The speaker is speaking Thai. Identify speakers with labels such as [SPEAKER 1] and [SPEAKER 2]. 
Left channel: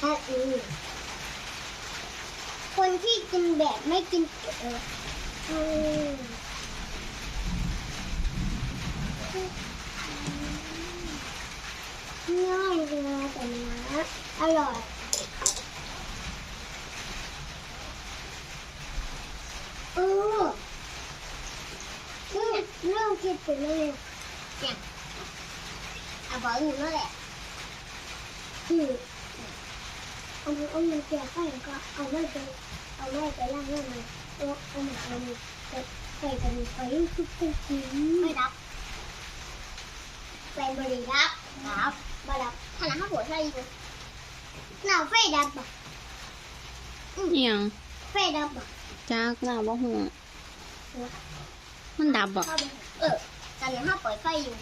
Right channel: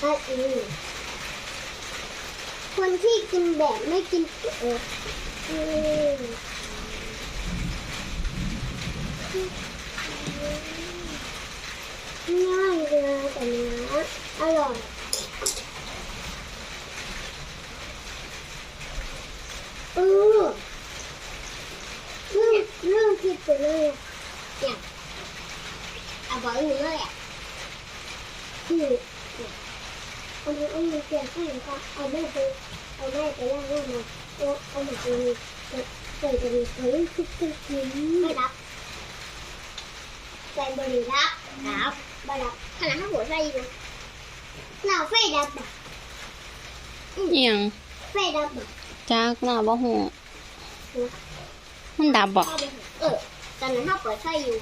[SPEAKER 1] ถ้าอือคนที่กินแบบไม่กินเอออืมง่ายเลยแต่นื้ออร่อยเออเรื่องเรื่องคิดไปเลยเนี่ยเอาบอกหนูเลยอะคือ เอามือเอามือเกี่ยวข้างก็เอาแม่ไปเอาแม่ไปย่างย่างมาเอาเอาหมักเลยใส่ใส่กระดูกไปทุกทุกทีไม่รับใส่บริรับรับบ่รับขนาดข้าวหัวใส่อยู่เราไฟดับอะ
[SPEAKER 2] อิหยัง
[SPEAKER 1] ไฟดับอะ
[SPEAKER 2] จากหน้าบ่ฮู้มันดับบ่
[SPEAKER 1] เออตอนนั้นข้าวเปิดไฟอยู่